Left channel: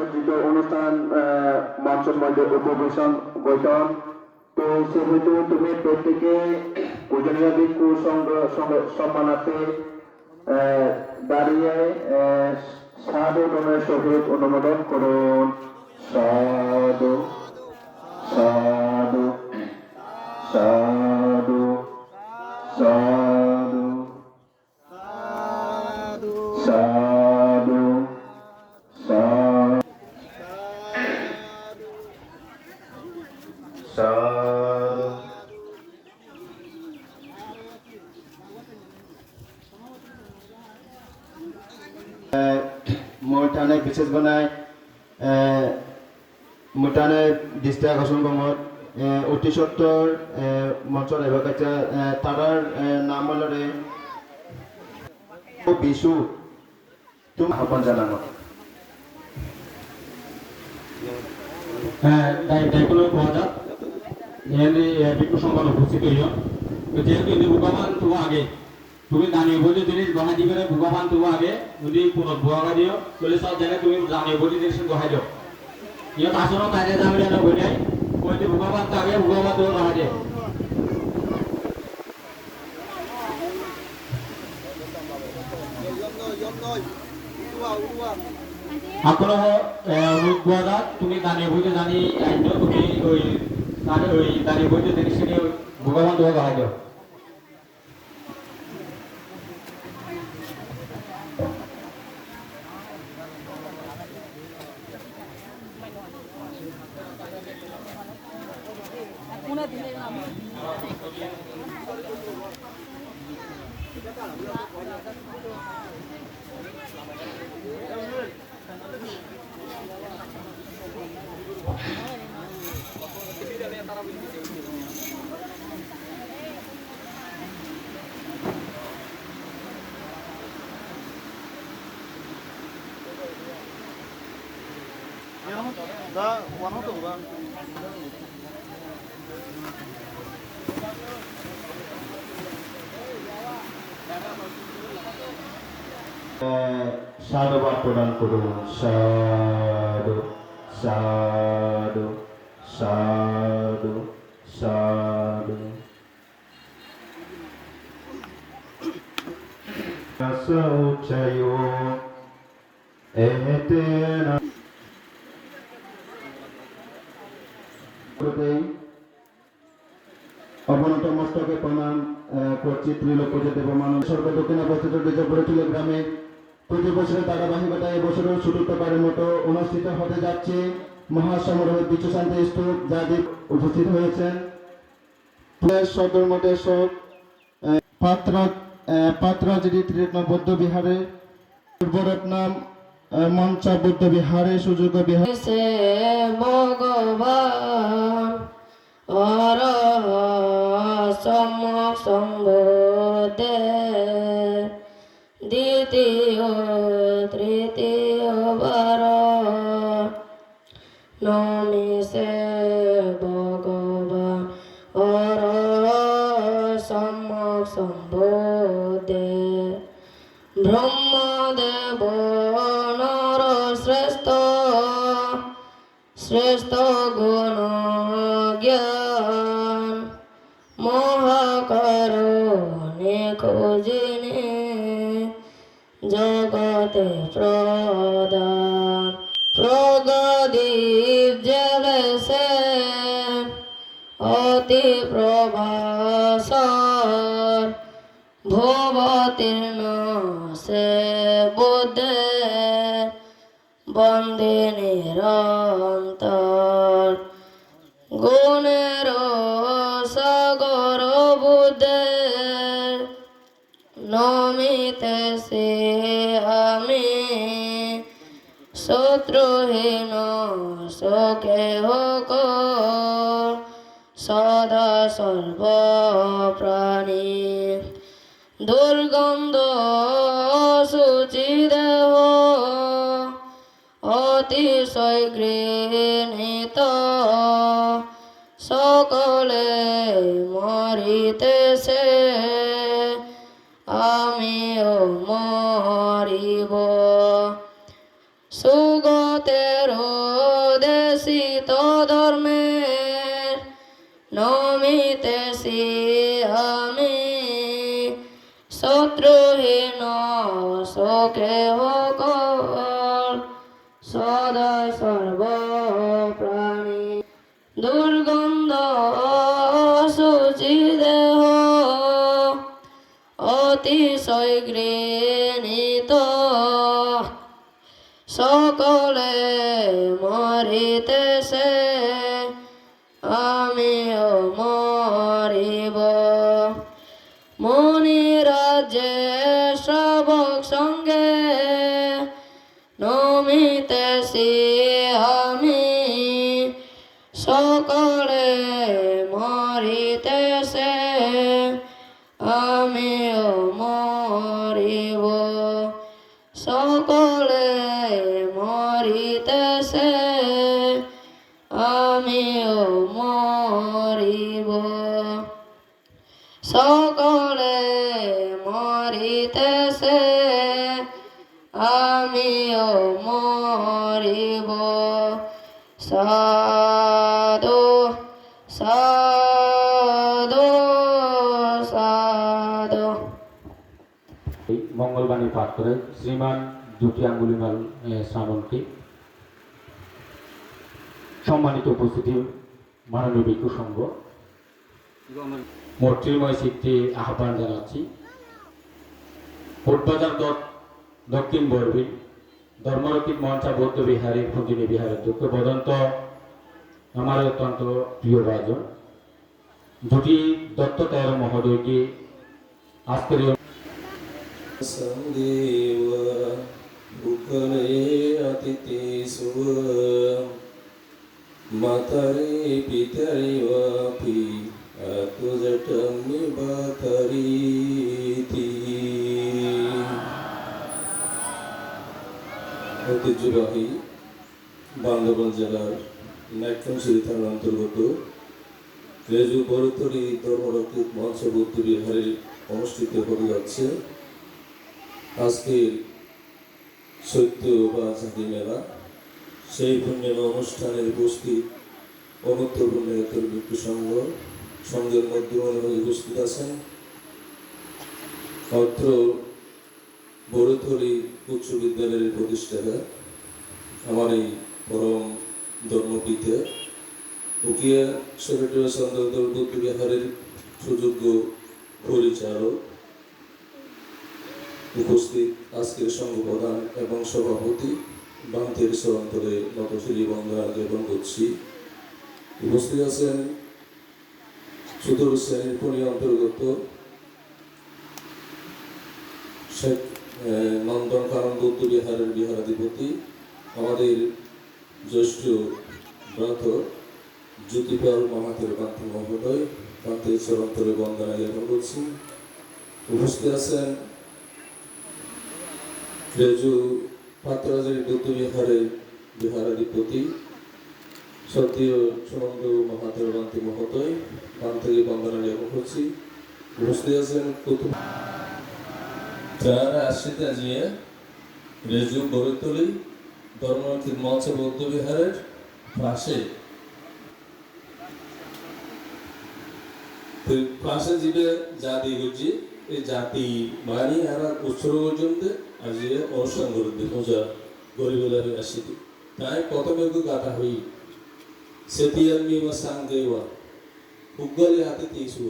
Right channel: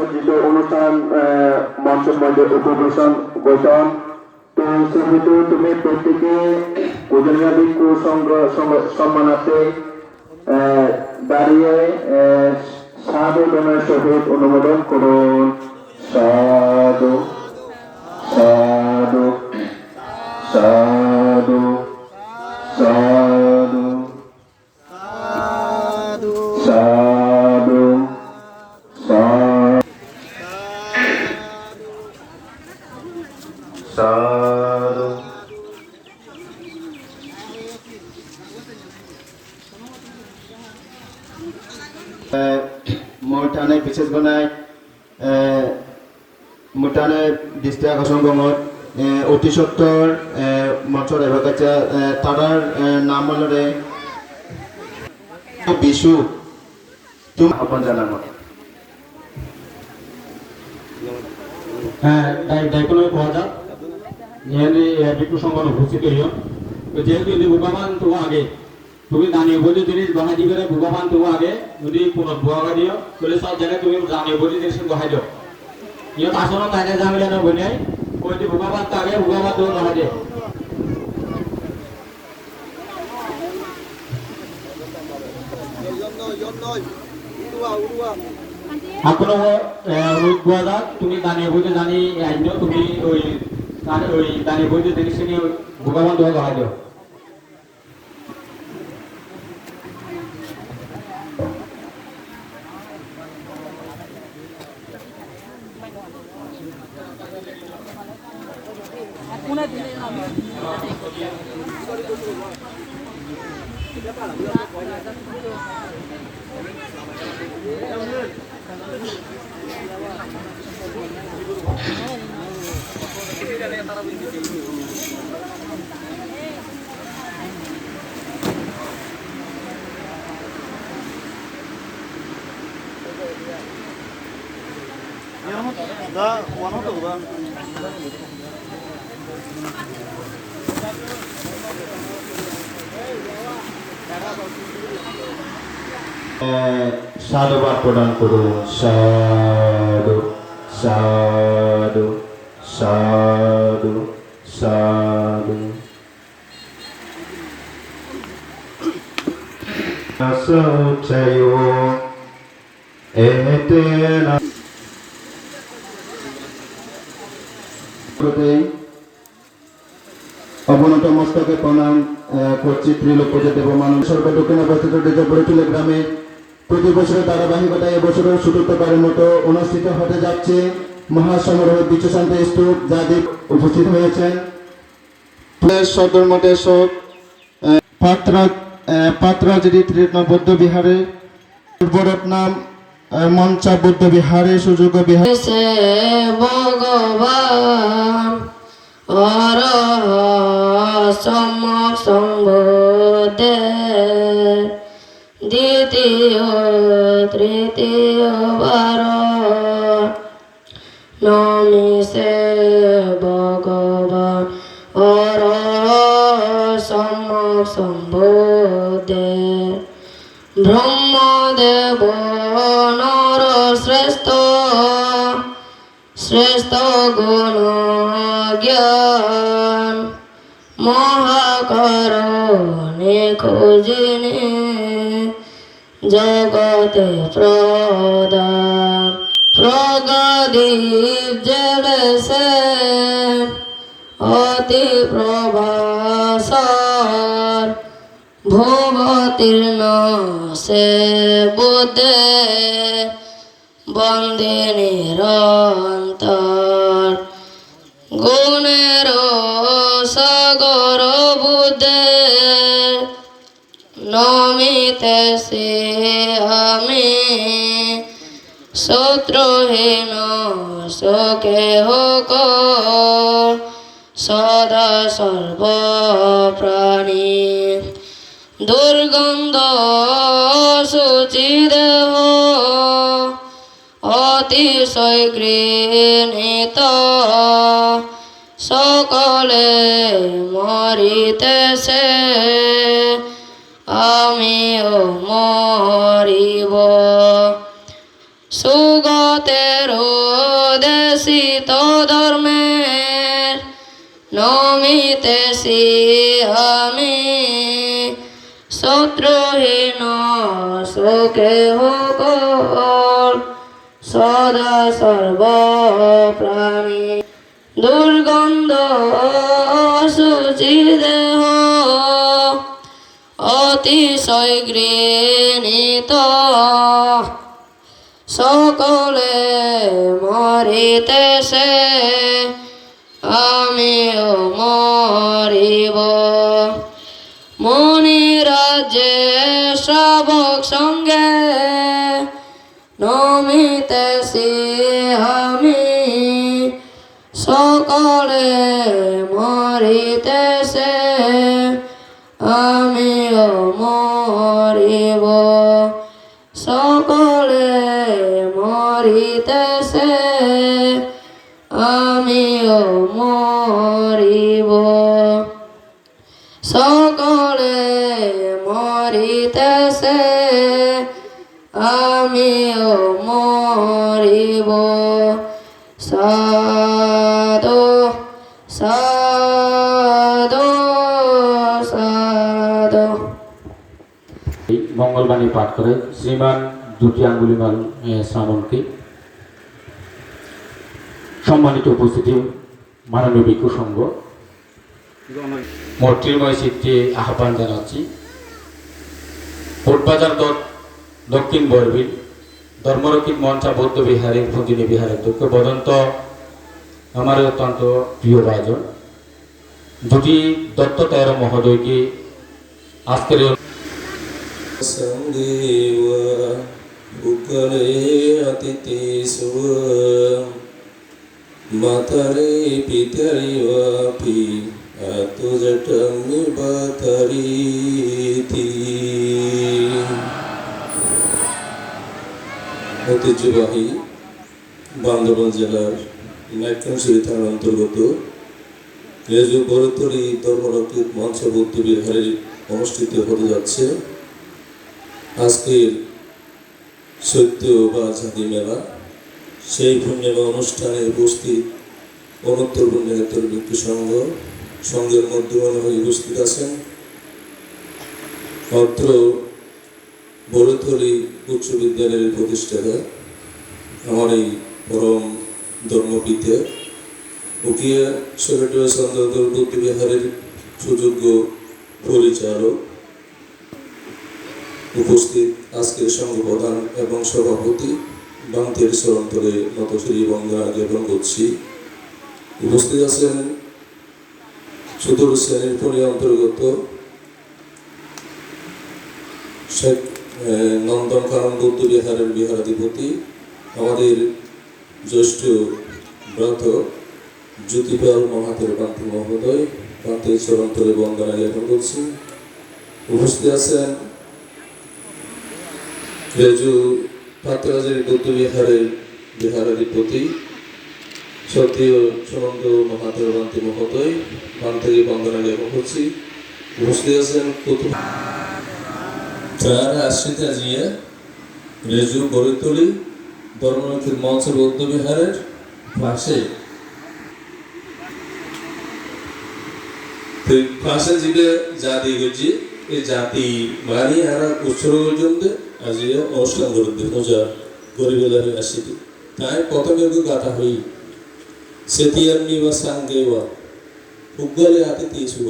সজ্জিত অনুষ্ঠান মঞ্চের মধ্যে উপবেশন গঠন তো সেহেতু তুমি প্রত্যেকে কুজনিয়া ভিক্ষু সম্মানার্থে দাঁড়িয়ে আহ, সাধু গণের সহিত অনুমোদন করুন। সাধু সাধু সাধু। মুটানে দৃষ্টি আকর্ষণ গমত অতি সত্তর মঞ্চৰ এভাগাচা তাৰাৰ নাম মলৰে বিশু তুমি আহ্বান জানানো হ্যাঁ তাই তাই কোনো পর্যা ইয়ানি বিকু সংবাদ উপস্থিত হইও যেহেতু ইনি তো আগে। তুমি জানিয়ে বলি জিনিস গণা দিবে ভগবান তো আগে, যদি কোনো ভুয়া দিও বলে সব জায়গায় তুমি জানিয়ে বলি জিনিস গহাই দিও ইয়াত আসলে তাকে যাবে জানো বলে কইতে ভগবান তো আগে ভগবান তো গহাই দিও আপনার রোগ তুমি দাঁড়িয়ে বইতে জানি তুমি, ওই ওই দাঁড়িয়ে বইতে জিনিস ভগবান তোমাকে গহাই দিও সাধুবাদ প্রদান করুন সাধু সাধু সাধু সাধু সৌচয়ো এতেনা অবনত মস্তকে প্রণাম করছি সর্ব দক্ষিণ অবস্থিত গ্রামে প্রতি বছরের ধারাবাহিকতায় এবছরের চতুর্থবারের মতো অনুষ্ঠিত হতে যাচ্ছে মহাসমারোহ বিশ্বশান্তি স্তূপ যাদের উপস্থিত হয়েছেন সদর মঠের সব পাত্র পাত্রাজিরি বৌদ্ধ বিহারে পূর্বরত্নাম মঞ্চা বৌদ্ধ বিহারে সুযোগ বিহার। সে ভগবান অর সম্যক সম্বোধে। দ্বিতীয়, তৃতীয় বার নমিষে ভগবান অর সম্যক সম্বোধে শ্রেষ্ঠ গুণ জ্ঞান মহাকরণে খুঁজিনে জগতে প্রদান। প্রগদীপ জড়সে অতি প্রভাসর ভূবতীর্ণ সে বুদ্ধে বন্দে নিরন্তর। সে আমি। শত্রুহীন শোকে হোক সদা সর্বপ্রাণী। দুর্গন্ধ সুচিদেহ অতিশয় গৃহীত সকলে মরিতেছে। নমিতেছি আমি শত্রুহীন সুখে হোকর সদা সর্ব প্রাণী দুর্গন্ধ সুচি দেহ অতিশয় গৃহীত আমিও মরিব। সকলে মরিতেছে, আমিও মরিব। সাধু সাধু সাধু। মঙ্গলবাণী পাঠ করে শ্রীমান দুটি আঙ্গুলিমাল শ্রাবণকে সম্মানিত উপস্থিতি, মাননীয় বিক্ষু সংঘ। মৈত্রীময় চিত্তে আহ্বান জানাচ্ছি। কোটবাজার দক্ষিণ বরবিল ধর্মরক্ষিক মঞ্চা বৌদ্ধ বিহারের ফন্দিনী বিহারের অধ্যক্ষ বদন্ত আমার অত্যন্ত প্রিয় ভাজন দুটি দত্ত তেরো মহোদয়কে আজকের সঙ্গে অতিথি সুর মাতারে पितरी বাপি, এত জটনি বাতারি ঐতিহ্যবাহী বান্দরবান জেলার নাইট্রনসিরি থানার অন্তর্গত রেজু বরতরি ধর্মরক্ষিত মঞ্চবর্তী বিহারে অনুষ্ঠিত হতে যাচ্ছে। আজকের সত্য বা ঝাঁকি মেলা সেই পূর্ণিমা অনুষ্ঠানে উপস্থিত অনুত্তর পুণ্যেতর ভিক্ষু সংঘ সংঘের মধ্যে অনুযায়ী উপস্থিত আছেন। অত্র বড়থলি উচ্চ বিদ্যালয়ের প্রতিষ্ঠাতা, আমার এই পরম ধর্মপীঠে উকিয়া সেক্রেটারি বুদ্ধ বিহারের সুযোগ্য পরিচালক, উপস্থিত আজকের সংঘ প্রধান এবং সভাপতি বান্তের সরন্তরে নতশ্রী বন্দনা জ্ঞাপন করছি। উপস্থিত আছেন চতুর্থ শ্রেণির পরি অন্তর্গত শেখ নন্দন কানন বৌদ্ধ বিহারের বিহারাধিপতি, আমাদের জ্যেষ্ঠ ব্রত জ্যোতিপাল মহাতের বান্তি মহোদয় বান্তের চরন্তরে বন্দনা জ্ঞাপন করছি। উপস্থিত আছেন রেজু পাত্রাজের বিহারের বিহারাধিপতি সতীয় সুনন্দ মহাদেব বান্তি মহোদয় বান থেকে বন্দনা জ্ঞাপন করছি উপস্থিত আছেন কুতুব আশ্রিতা জিয়া, রেজু বরিতলি ধর্মরক্ষিত মঞ্চ বৌদ্ধ বিহারের পাশে পাশে যেটা জাতি হচ্ছে এই জাতি মানি আর উৎসর্গ পর্যন্ত আজিয়ে অনুষ্ঠান করতে ওজা গরিবের আসিতে। তাই প্রথমে গাথা হই। সেতিয়ান্নি বা সাঙ্গেওয়া ಹುಗ್ಗಲಿ ಆತಿ ತೀಸುವ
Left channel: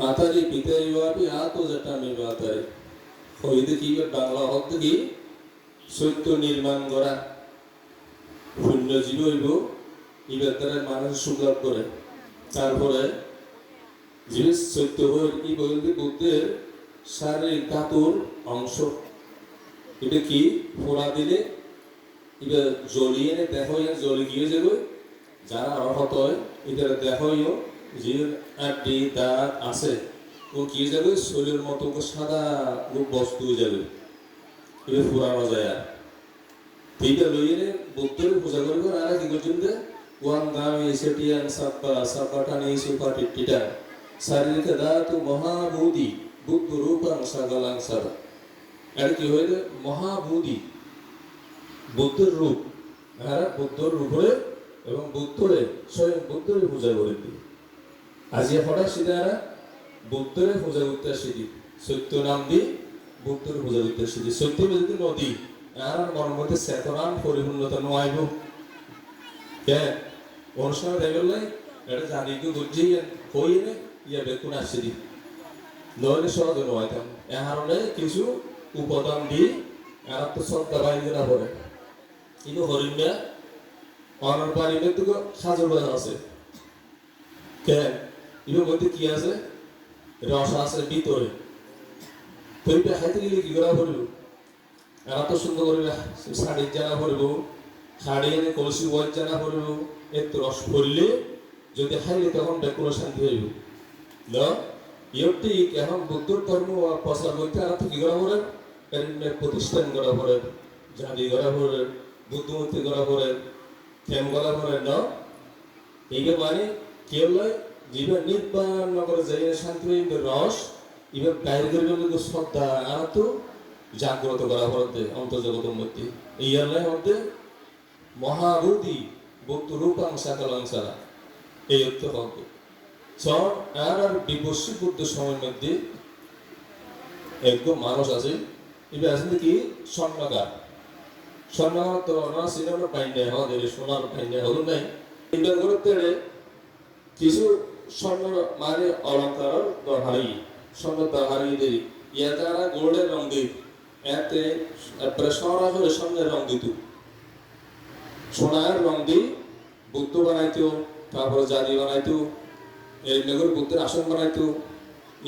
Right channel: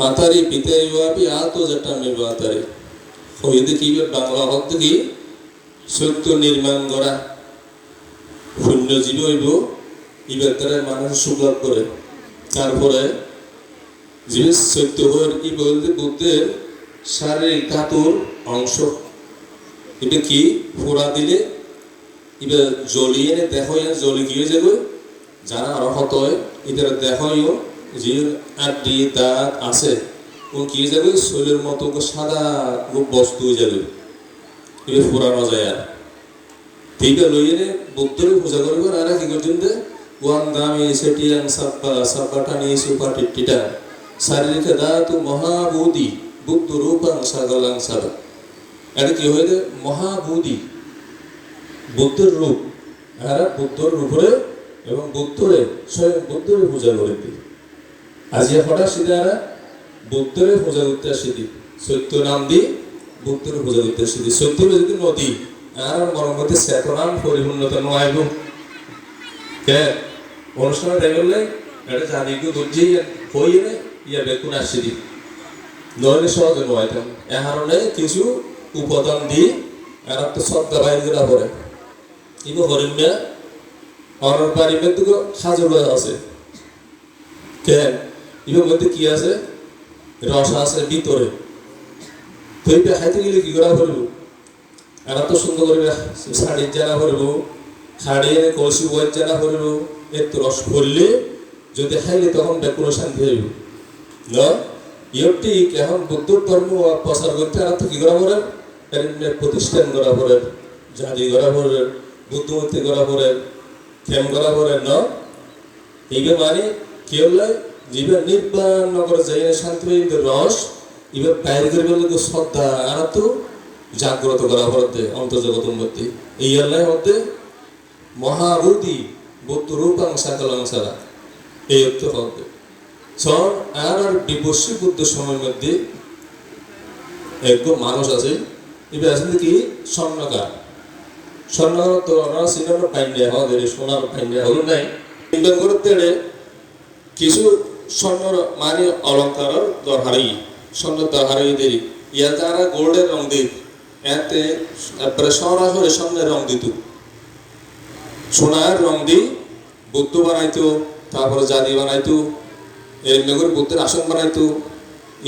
ಮಾತಾರಿ ಪಿತೆಯುವಾಪಿ ಆತು ಜಟ್ಟಾಮಿ ಮಾತಾರಿ ಹೋ কি বাংলা হত্তগি সত্য নির্মাণ করা শূন্য জীব হইব, ইবার দ্বারা মানুষ সুগার করে। তারপরে জীবের সত্য হয়ে কি বলতে বলতে শারীরিক ধাতুর অংশ। এটা কি? ফোড়া দিলে এবার জ্বলিয়ে নে দেহ জ্বলি গিয়ে যাবে। যারা অর্হত হয় এদের দেহইও যে আড্ডি দাঁত আছে, ও কি যাবে, শরীরের মতো সাদা বস্তু যাবে। এবার ফুরানো যায় আর। ঠিক লইয়ে বুদ্ধরে পূজা করবে, আর কি করছেন যে ওয়ান দামি সেটিয়ান সাব্বা সাব্বাটানি সুপাটি টিটা শারীরিক ধাতু মহাবুধি, বুদ্ধ রূপাং সাগলাং সাদা। কি হয়ে মহাবুধি বুদ্ধের রূপ। এরা বুদ্ধর উপরে এবং বুদ্ধরে, স্বয়ং বুদ্ধরে পূজা করে দিই আজি হঠাৎ সিধে এরা বুদ্ধরে পূজা করতে আসিদি সত্য নাম দি বুদ্ধরে পূজা করতে আসিদি সত্য যদি নদী। আর মনের মধ্যে চেতনার পরিপূর্ণতা নয় কে? অনুষ্ঠান টাইমলে এটা জানিকে গুজি হইয়ে ইয়া বেকুন আসিদি নইলে সহজে নয় তেমন এ কারণে কিছু উপাদান দিয়ে আর তো শ্রদ্ধা বাইরে পড়ে। ইগো হরিণা অনার বাড়ির মধ্যে সাজু আছে? কেন? ইগোর মধ্যে কি আছে? রস আছে ভিতরে। খাইতে গেলে কি করা পড়ব? এরা তো সুন্দর করে শাড়ি জানা পড়ব শাড়ি এনে কলসি বই জানা পড়ব, একটু রস করলে যদি খাইলে তখন কোনো শান্তি হইব। না? ইয়র ঠিক এখন বুদ্ধ ধর্ম প্রচার করতে আর তো কি করা পড়ে প্রতিষ্ঠান করা পড়ে জাতি করা পড়ে বুদ্ধমূর্তি করা পড়ে কেম করা পড়ে ন? এইগে মানে কি হলে? জীবে নির্বাণ নগর যাই শান্তি রস, এবার বাইরে করে বললে শ্রদ্ধা আর তো জাগ্রত করা পড়তে অন্তর্জগতের মধ্যে এই আল্লাহ মধ্যে মহাবুদ্ধি, বুদ্ধ রূপাং সাকলাং সালা এই অর্থ হবে সন আর আর বিবস্বী বুদ্ধ সময়ের মধ্যে একদম মানুষ আছে স্বর্ণকার। তো ওনারা সিনেমার পাইন্ডিয়া আমাদের সোনার পাইন্ডিয়া হলো নাই। ইন্ডিয়ান করতে কিছু স্বর্ণর মানে অলঙ্কার দরহারি স্বর্ণ দরহারি দেরি ইয়া তারা গোল্ডের রং দিই এতে তারপরে সরাসরি স্বর্ণের রং দিত। সোনার রং দি বুদ্ধ বানাইতো তারপরে জাতি বানাইতো এরকম করে বুদ্ধের আসন বানাইতো।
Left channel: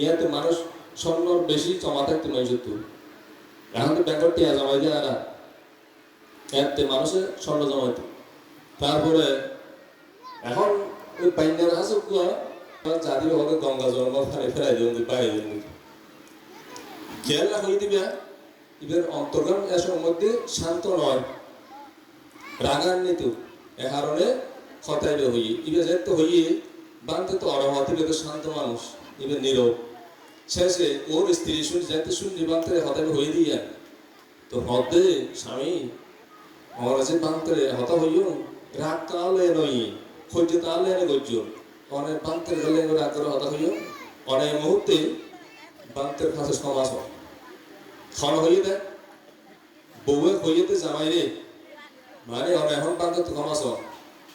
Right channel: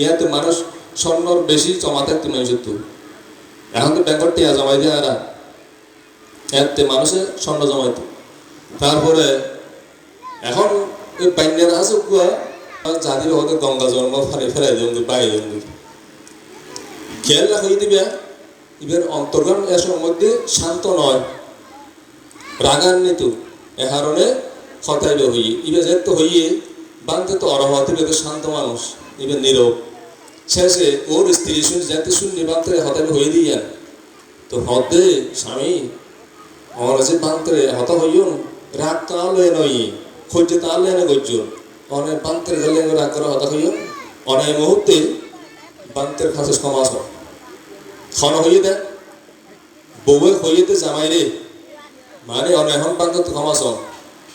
ইয়াতে মানুষ স্বর্ণর বেশি জমা থাকতো তো। এখন তো ব্যাংকর টিয়া জমাই দেয় এরা এতে মানুষে স্বর্ণ জমাইত তারপরে এখন এই বাইন্যের আছে জাতির হয়তো গঙ্গা জন্ম ফারে ফেরাই দেন বাই দেন খেয়াল রাখি দিবে এবার অন্তর্গণ এসব মধ্যে শান্ত নয়। রাগান্বিত, এ কারণে হতাইব হইয়ে। এবার যেত হইয়ে বাংতে তো অরহতে শান্ত মানুষ এবার নীরব। শেষে ওর স্ত্রী শুনে যেতে শুননি বাংতে হতাইব হয়ে দিয়া তো হদে, স্বামী, আমার যে বাংতে হত হইও রাগ তো আলো নই খোঁজে তো আলো এনে গজ্জ অনেক বাংতের গেলে রাগ করে হত হইও অনেক মুহূর্তে বাংতের কাছে সমাজ ক্ষণ হইয়ে দেয় বউয়ে হইয়ে দে জামাই রে মানে অনেক বান্ধব তো ক্ষমাস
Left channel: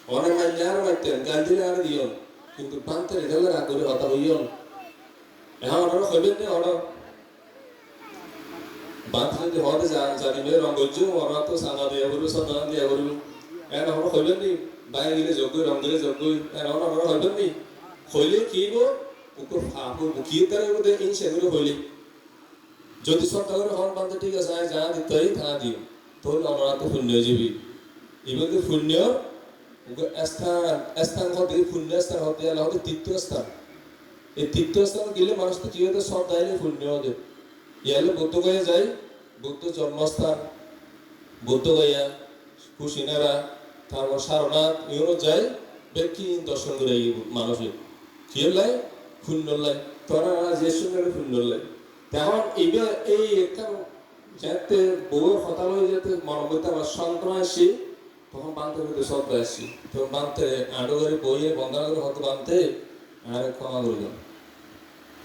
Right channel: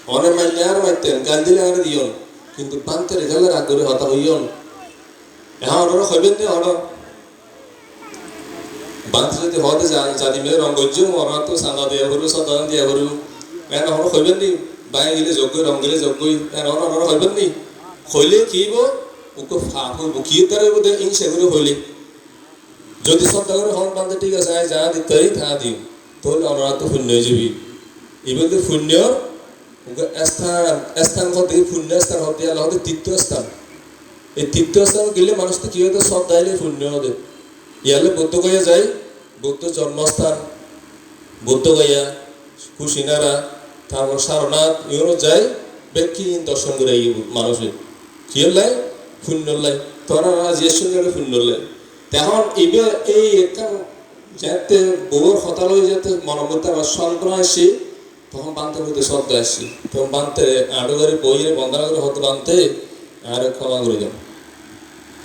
অনেক মাইলে আর মাইতেন গান্ধী আর দিয়ন কিন্তু বান্ধতে রেজালে রাগ করে হতা হইয়ন হইবেন নি অন বান্ধ যদি হতে জানি মেয়ে রঙ গজ্জ ওরা তো সাদা দিয়া করব, সদা দিয়া করব। এখন ওরা হইবেন নি বাই গেলে যোগ্য, রঙ গেলে যোগ্যই এখন ওরা হইবেন নি। হইলে কিব ওকে ফাঁকু বুকিয়ে তারে বোধ ইনসে করে হইলে। যদি করে, হন বান্ধে ঠিক আছে, আয়, যা দিতে তা দিও। তাহলে ওনারা তো শূন্য যাবি। এবার শূন্য স্থান স্থান হতে শূন্য স্থান হতে আল্লাহ তীর্থ স্থান। এই তীর্থ স্থান গেলে মানুষ তো কি হতো সব দাইলে শূন্য হতে ইয়ালে বুদ্ধ গয়া যায়, বুদ্ধ জন্মস্থান, বুদ্ধ গয়া কুশিনারা, তারপর সারনাথ এগুলো যায় ব্যক্তি দর্শন করে এই মানুষের। কি লাই? শূন্য লাই। তোরা যে সঙ্গে শূন্য লাই। তখন এবার এই একটা যাতে বউর হতাল হয়ে যেতে মনের মধ্যে আবার সন্ত্রণা আসি, তখন বানতে মধ্যে শব্দ আসি। তখন বানতে আড়ো করে বইয়ে বন্ধনা করে হতো বানতে আর ক্ষমা করে দেন।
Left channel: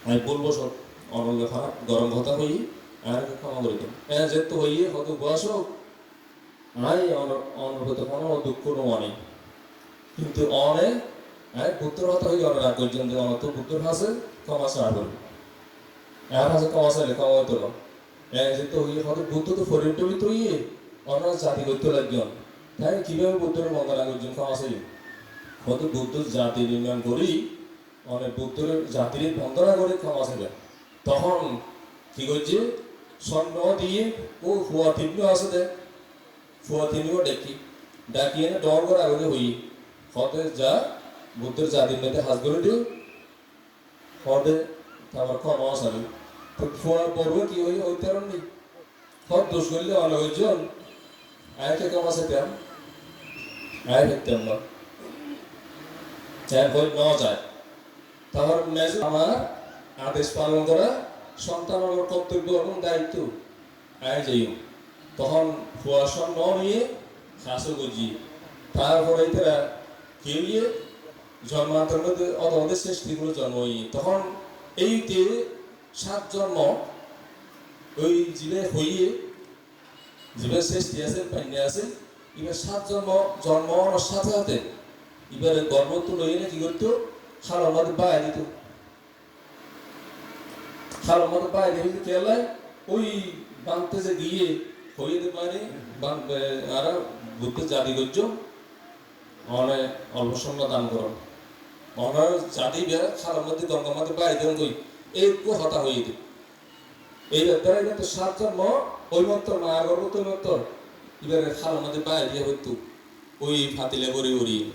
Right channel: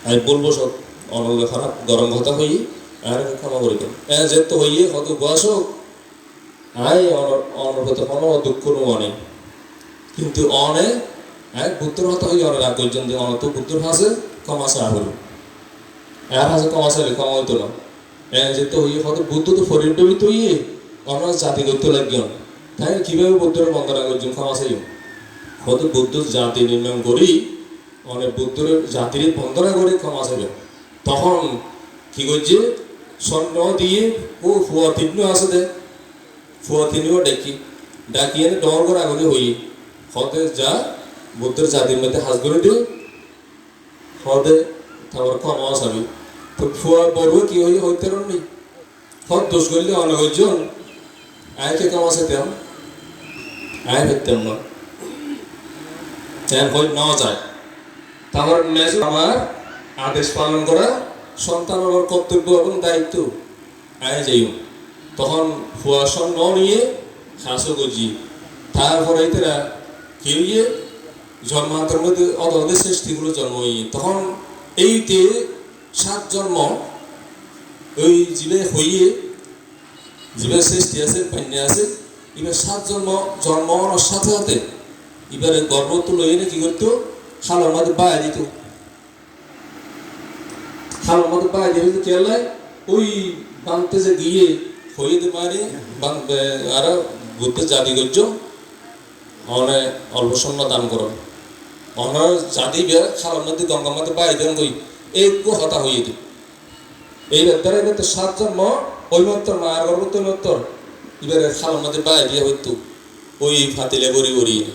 আমি বলব সব অনল খারাপ, গরম কথা হই আর ক্ষমা করে দেন হ্যাঁ যে তো হইয়ে হত বয়স আই অনর্গত কোনো দুঃখ মনে কিন্তু অনে হ্যাঁ বুদ্ধর হতা হই অনেক রাগ পর্যন্ত অনত বুদ্ধর হাসে ক্ষমা চা এর হাসে ক্ষমা চাইলে ক্ষমা হইতো না। যেতে হইয়ে কত বুদ্ধ তো ফরির ডবি তো ইয়ে আমরা জাতি করতে লাগিও তাই কীভাবে বুদ্ধের বন্দনা করছেন ক্ষমা চাই কত বুদ্ধ জাতি নির্মাণ করি অনেক বুদ্ধের জাতির বন্দনা করে ক্ষমা চাইবে তখন কি করছে? স্বর্ণ দিয়ে ও ফুয়া তিন্ন আছে দে ফুয়া তিনও ডাকি ডাকি এনে ডর করে আগে হই হতে যা, বুদ্ধের জাতির মধ্যে হাজ করে দিও হতে তারপর ক্ষমা চাবি। তো ফুয়া বড় কি হই হইতে নি? হত দোষ করলে অনেক হইজন। আয়কে কাম আছে তেম আয় ফেরতেন না যায়। মেজ আমার আদেশ পালন করা সন্তানের কর্তব্য এবং দায়িত্ব। আয় যাইও তখন ফুয়াশন ন নিয়ে হাসো গজি। তারপরে তারা কেউ জন্মান্তর মধ্যে অদদের সৃষ্টিগুলো জন্ম ইয়ে তখন এইতে সাত জন্ম, ওই জীবে হইয়ে জীবের সৃষ্টি আছে পান্যা আছে, এবার সাত জন্ম জন্ম সাথে সাথে এবারে গর্ভ তো লইয়ে না কি করতো? বায়া দিত। খালোর মধ্যে বায়া দিয়ে হইতে কেলায় ওই বাংতে যে গিয়ে মানে বাং আর বুদ্ধ জাতি করছ, অনে অল্প সময় দান করো। জাতি বিয়ার খালোর মধ্যে গঙ্গার মধ্যে বায়া দেন কই, এই হতা হইয়ে দে। এই ব্যাপারে তো সাত জন্ম ওই মাত্র মায়ের গর্ভ তো মাত্র এবারে খালোর মধ্যে বায়া দিয়ে হইতো, ওই ফাতিলে গড়ি গড়ি তো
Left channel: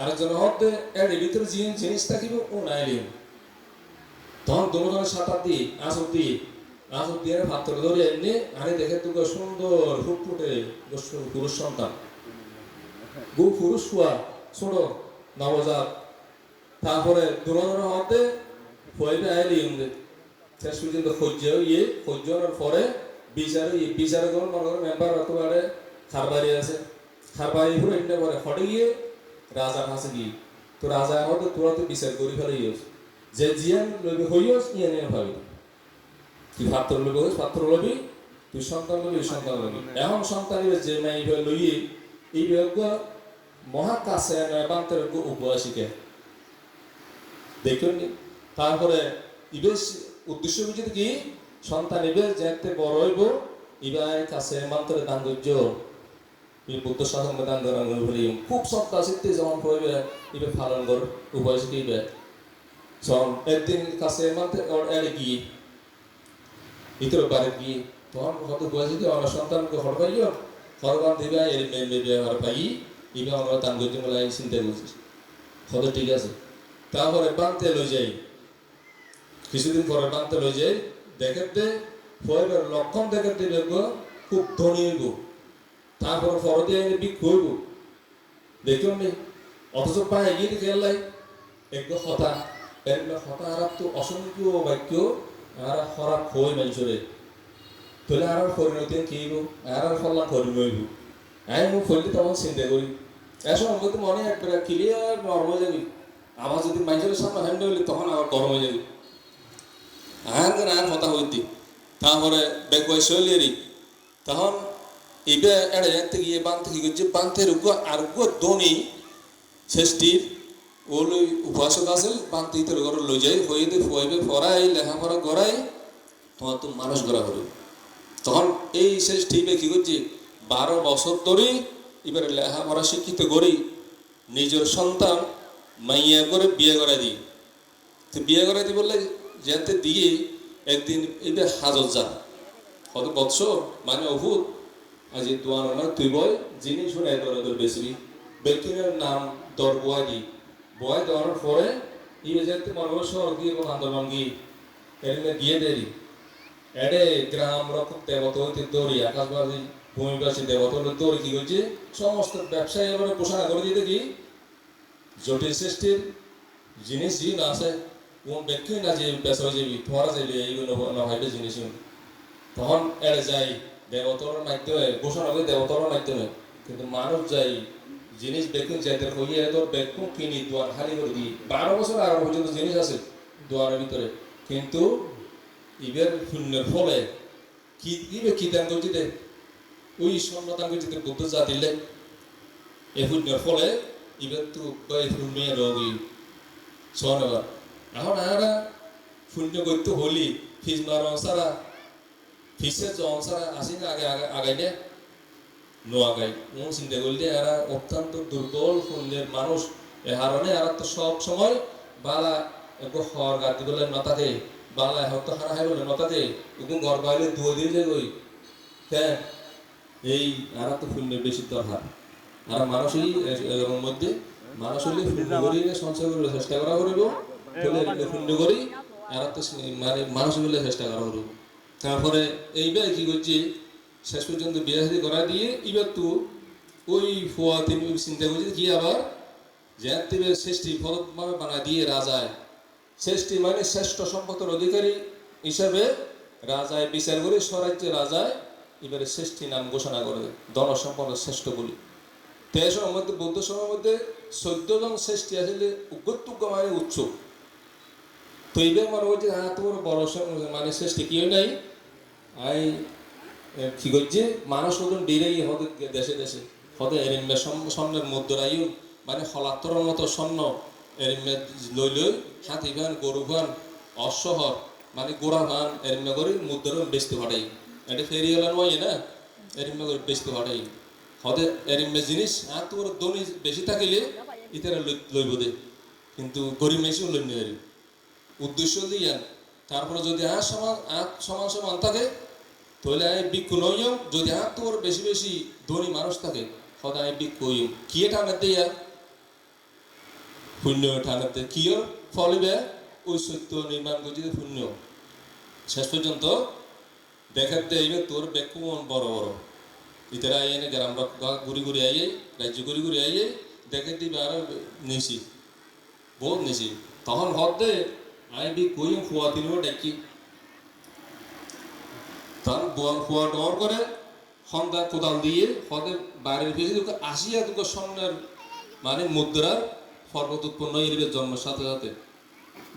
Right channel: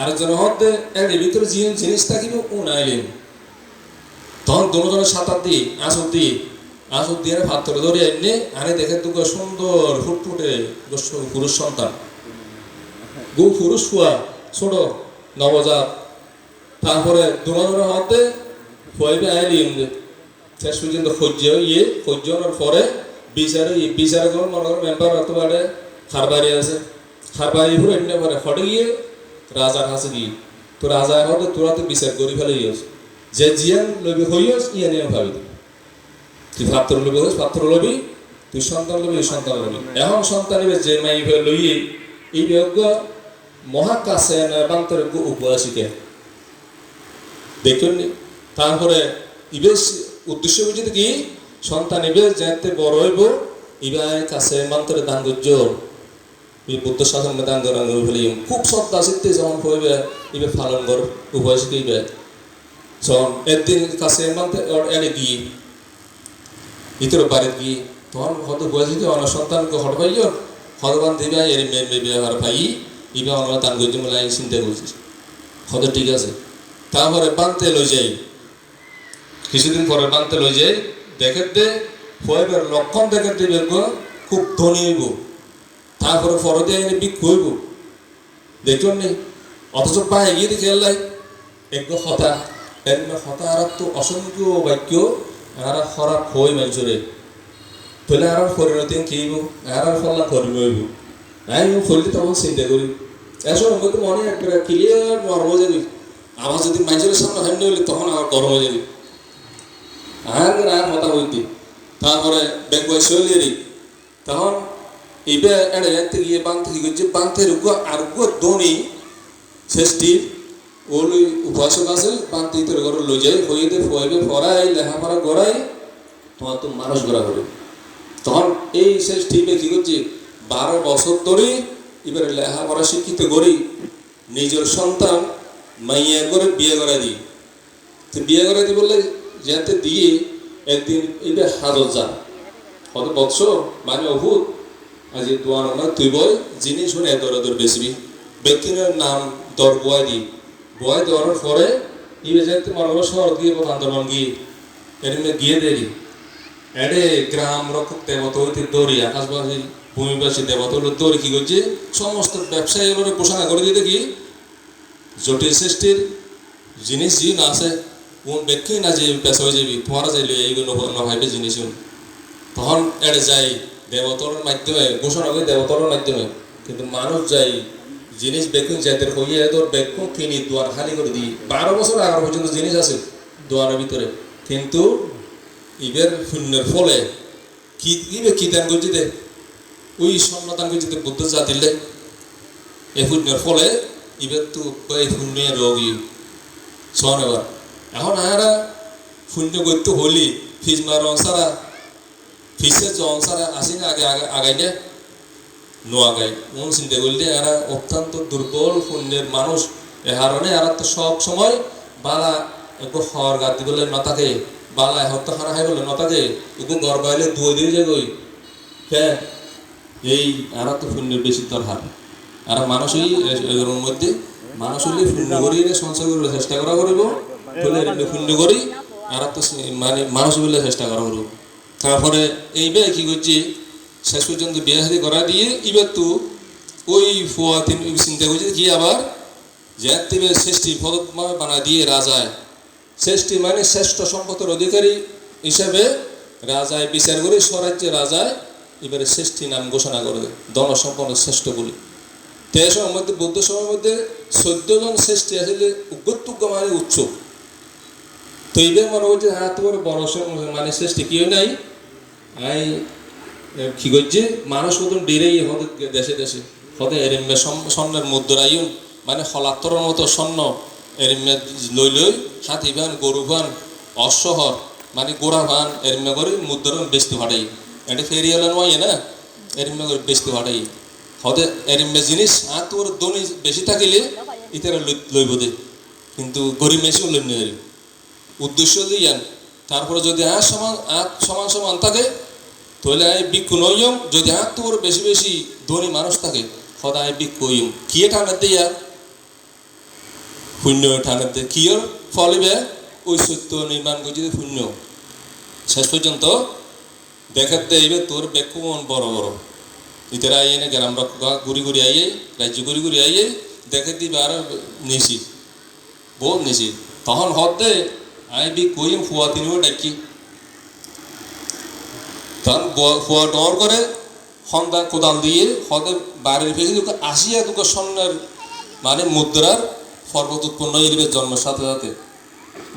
আরেকজন হতে এর ভিতরে যে জিনিস থাকিব কোন আইলি তখন দুজনের সাঁতার দিয়ে, আসর দিয়ে, আসর ফাতরে ধরে এনে আরে দেখে দুটো সুন্দর ফুটফুটে পুরুষ সন্তান। গু পুরুষ ফুয়া, ছোট, নবজাত। তারপরে দুজনের হতে ফুয়াইবে আইলি শেষ পর্যন্ত সহ্য ইয়ে হওয়ার পরে বিচারে বিচারে মনে করো মেম্বার হতে পারে, খারবারি আছে। খারবারি পুরো এমনি পারে হটে গিয়ে রাজার কাছে গিয়ে তো রাজা হতে তোরা তো বিচার করি ফেলে ইয়েছ যে জিয়ান লবি হইয়স ইয়ে নিয়ে ভাবি তুই পাত্র লবি হইস পাত্র লবি তুই সন্তান লবি সন্তান লবি এখন সন্তান এবার যে মাই লইয়ে, এই বিয়োগ্য মহাকাশে বান্তর উপবাসীকে দেখুন তারপরে ইবেশ উদ্দেশ্য বুঝিতে কি? সন্তান ইবে যাতে বড় হইব ইবার কাছে মন্ত্রে দান করছ এই বুদ্ধ শাসন দান করান ফেলি খুব শ্রদ্ধা সিদ্ধি যেমন হইবে ইবে পালন কর, উভয় শিখিবে। যখন একদিন কাছে মন্ত্রে ওর এনে গিয়ে বাড়ি গিয়ে তখন হয়তো বয়সী অনেক সন্তানকে হট পাইল হরবান দিবে, এর মেন মেয়ে ব্যবহার পাই ইবে অনেক দান করছি বলে আমি চিন্তা করছি হয়তো ঠিক আছে। তারপরে বানতে লই যাই। কিছুদিন পরে বানতে লই যাই দেখে দে লক্ষণ দেখে দিবে খুব ধনী হইব তারপরে ফরদে এনে বিক হইব। দেখুন নি? অথচ পায়ে গিয়ে দেখে এলাই এক হতা এর হতা আর তো অসংখ্য বাক্য আর খরাপ হই মানুষরে তাহলে আর পরিণতি কি আর আর ফল্লা কর্মী হইব। আমি ফলতে তখন চিন্তা করি। এসব মধ্যে মনে একবারে ক্লিয়ার মর্ম যাবি আবার যদি মানুষের সামনে হান্য হইলে তখন আবার গরম হয়ে যাবে। আর আর মাথা হইতে। তারপরে বেগ তখন গিয়ে বাঁধতে কি করছে বাঁধতে রুগো আর রুগো দনি শেষটির ওলি উপাসক আছে, বাঁধতে ইতে ঘর লই যাই হইতে ফইবে ফরাই লেখাপড়া গড়াই, তোমার তো মানুষ গড়া হবে তখন এই শেষ টিমে কি করছে, বারো বছর ধরে এবারে লেখাপড়া শিক্ষিত করি, নিজের সন্তান মাইয়া করে বিয়ে করা দিই। তো বিয়ে করা দিই বললে যেতে দিয়ে একদিন এবার হাজত যান। কত বৎস মানে অভূত। আজ দোয়ান আমার তুই বই জিনিস শুনে দরে দর বেসবি ব্যক্তির নাম দর বয় দি। বয় দেওয়ার পরে ইবে যেতে মনে শহর গিয়ে বা বান্দরবান গিয়ে। এর গিয়ে দেরি এডে গ্রাম রক্ষক দেবত হইতে দৌড়ি আকাশবাসী ভূমিবাসী দেবত হলো দৌড়ি কি করছে সমস্ত ব্যবসায়ী এবারে ঘোষণা করে দিতে কি জটিল সৃষ্টির জিনিস যি না আছে কোন ব্যক্তি না যে পেশা হয়ে যাবি তোমার যাইলে এইগুলো নভাইবে জিনিস তখন এড়ে যাই দেবতর মাধ্যমে, ঘোষণা করে দেবতর মাধ্যমে। কিন্তু মানুষ যাই জিনিস বেকুন যাদের হইয়ে তোর বেকুন কিনি, দোয়ার খালি করে দিই। বারো বছর আগার পর্যন্ত জিনিস আছে দোয়ারের ভিতরে। কিন্তু ইবের শূন্যের ফলে কি, ইবে কি দান করছি দে ওই করছি দে বুদ্ধ জাতিলে এই শূন্যের ফলে ইবের তো এই শূন্যের রোগী। শোন এবার এখন আয়ারা শূন্য গত্য হলি ফিজ মার ফিসে জন সারা আসি না আগে আগে আগাই দে নো আগাই মন চিন্তা করলে এরা অত্যন্ত দুর্বল শূন্যের মানুষ এ হারণে এরা তো সব সময় বালা একটু হর গাদ দিবলে নতাকে বালা হত্যা হারা খাই বলে নতাকে একটু গড় বাইলে দুই দিয়ে যে গই হ্যাঁ এই আর তো শূন্যের বেশি দরকার আর মানুষই এর মধ্যে মানুষ হলে শূন্য করি সঞ্চয় করার চেষ্টা করা করব বলে করি আর তো মানে মানুষ বলে চেষ্টা করা করব তারপরে এই এইবার কি করছি, শেষ পর্যন্ত বিয়ে করা দিয়ে এবার তো ওই ফুয়া তিন চিন্তা করছে কি আবার, যে শ্রেষ্ঠী পদময় বানা দিয়ে রাজায় শ্রেষ্ঠী মানে শ্রেষ্ঠ সম্পদের অধিকারী হিসাবে রাজায় বিচার করে স্বরাজ্যে রাজায় এবারে শ্রেষ্ঠী নাম ঘোষণা করে দনসম্পন্ন শ্রেষ্ঠ বলি। তে সময়ের মধ্যে, বৌদ্ধ সময়ের মধ্যে চোদ্দ জন শ্রেষ্ঠী আসলে উগ্রতুগ্য মানে উৎসুক। তো এইবার মনে করছে হ্যাঁ তো বড় বড় মানে শ্রেষ্ঠী কেউ নাই। আই কি করছে? মানুষ মতন ডিরেই হতে দেশে দেশে। হতে এরিমে স্বর্ণের মুদ্রায়ুন মানে হলাত্তর মতো স্বর্ণ এরিমে লই লই হাতি ভান, গরু ভান, অশ্বহর মানে গোড়া ভান এরিমে করে মুদ্রা বেচতে ফাটাই এটা ফেরিয়ালা নয় না? এরিমে করে বেচতে ফাটাই হতে এরিমে জিনিস আর তোর দনি বেশি থাকিলে ইতারা লইব দে। কিন্তু গরিব মেশিও লই নিয়ে উদ্দেশ্য দিয়ান তারপরে যদি আর সমান আর সমান সমান থাকে তাহলে আই বিক্ষু নইম যদি আর তোর বেশি বেশি ধনী মানুষ থাকে সদায় বিক্ষু হইম কি টানে দিয়া শূন্য টানে দিয়ে। কিয়র ফলিবে? সত্য নির্মাণ করছে শূন্য শেষ পর্যন্ত দেখাতে এইবে তোর বেক্ষু মন বড় বড়। ইতারা আইয়ে গ্রাম ঘুরি ঘুরি আইয়ে, রাজ্য ঘুরি ঘুরি আইয়ে দেখে দিবে আর নিশি। বল নিশি। তখন দে আই বি কইম ফুয়া তিনিও ডাকি ব- ফুয়া ডর করে হন্দা কোদাল দিয়ে হদে বাড়ির ফেসে দুটো আসিয়া দুটো স্বর্ণের মানে মুদ্রার পর্বত উৎপন্ন এরিবে জন্মের সাথে সাথে।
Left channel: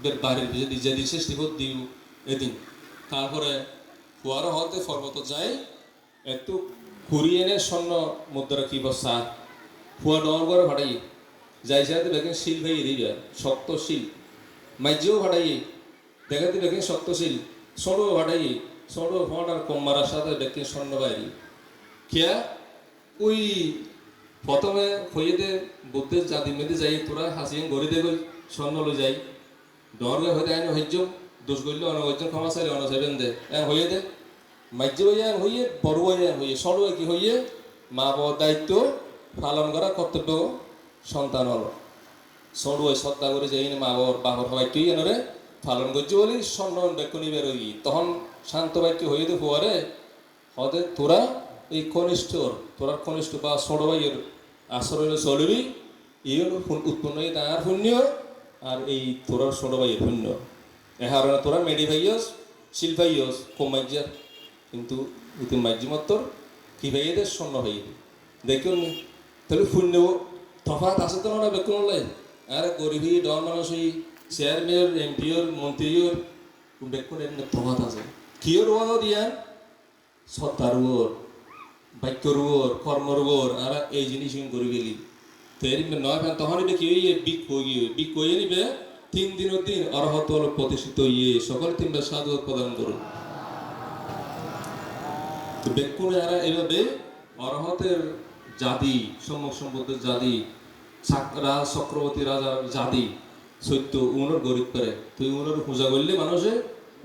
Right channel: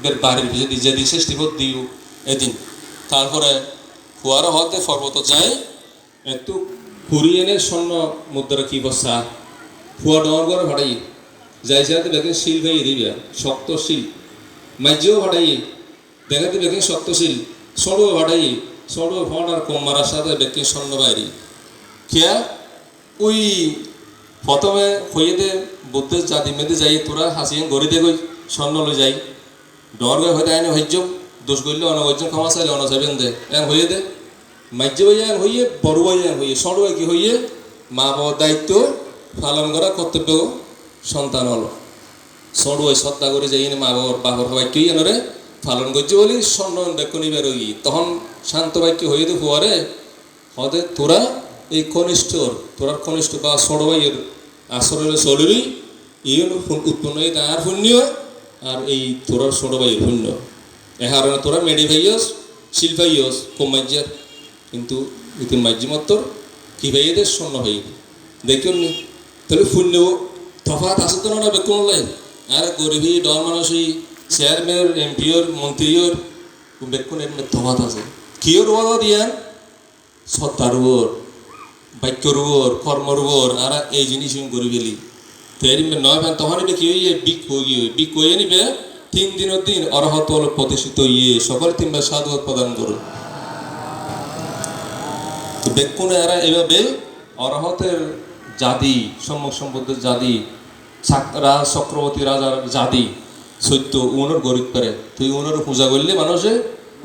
বের বাড়ির ফেসে দিয়ে যেদিন শেষ টিপত দিও এদিন। তারপরে ফুয়ারা হদে পর্বত যায়, একটু ঘুরিয়ে এনে স্বর্ণ মুদ্রা কি বসা ফুয়া ডর করে ভাড়াই। যাই সাথে দেখেন শিল ভাই দিবা, শক্ত শিল। মাইজিও ভাড়াই। দেখাতে দেখে শক্ত শক্তশীল সড়ো ভাড়াই। সড়ো ভাড়ার কম মারার সাথে ব্যক্তি বাইরি খেয়া ওই প্রথমে হয়ে দে বুদ্ধের জাতি মেয়েদের যাই, তোরা হাসিয়ে গড়ি দে গই, স্বর্ণ লই যাই। ডর গই হয়তো আইনে হইজ দোষ করলে অনেক হইজ ক্ষমা চাইলে অনেক যাবেন দে। এন হয়ে দে মাইজ্য এন হইয়ে, বড় এন হইয়ে সড়ো কি হইয়ে, মা বাবার দায়িত্ব পালন করা কর্তব্য সন্তান হলো। সড়ুয়াই শ্রদ্ধা করে যাই মা বাবার বাবার বাক্য এনরে পালন করছে বলি স্বর্ণ বেকুনি বেরোই তখন শান্ত বাক্য হয়ে তো হুয়ারে হদে তোরা এই কনিষ্ঠর তোরার কনিষ্ঠ বা সড়বাইয়ের আশ্রয়ে চলিবি, এই উৎপন্ন এই তার শূন্য আর এই তোরার সড়বাইয়ের শূন্য এহার তোরা মেডি ভাইয়স শিল ভাইয়স কম মাজ্যার কিন্তু ইতিন মাজ্যি মাত্র কি ভাইয়েদের স্বর্ণ ভাই দেখুন তাহলে শূন্য তফাত আছে তো না বেকুন আর গরিবী ডর মানুষই চেয়ারম্যান এমপিওর মন্ত্রীর বেকুনের তফাত আছে কিয়র ওয়াদা দিয়ান সত্তার উপর বাক্যর উপর কর্মর উপর আর এই জিনিস করি গেলি তেরি নয় পান, তখন এটা কি হইয়ে বিক হয়ে বিক হয়ে নিবে তিন দিনের দিন অরহত প্রতিষ্ঠিত ইয়ে সকল তিনবার সাধু প্রদান করুন তো এরা এভাবে অরহতের জাতি, সম্মুখ সম্পদের জাতি চক্রবর্তী রাজার জাতি সত্য উনোর গরিব করে। তুই উনোর পূজা করলে মানুষে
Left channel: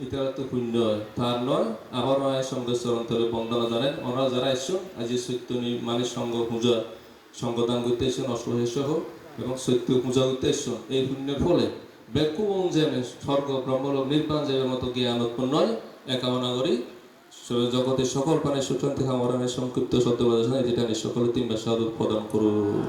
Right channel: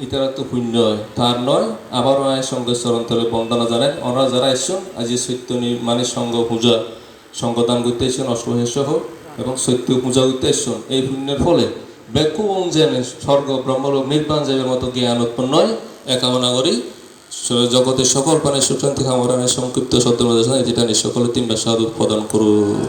ইতারা তো শূন্য হয়। তার নয় আবার আয় সঙ্গে চরন্তরে বন্দনা জানেন। ওনারা যারা এসছেন, আজি সত্য মানে সঙ্গ পূজা, সঙ্গদান করতে এসছেন হোক, এবং সত্য পূজা করতে এসছেন। এই পুণ্যের ফলে বেকু যেন স্বর্গ, ব্রহ্মলোক, নির্বাণ যাবের মতো জ্ঞান উৎপন্ন হয়। এ কামনা করি জগতের সকল প্রাণের সুশান্তি কামরানের সংক্ষিপ্ত শব্দ যেটা সকলে তিনবার সাধু প্রদান করুন।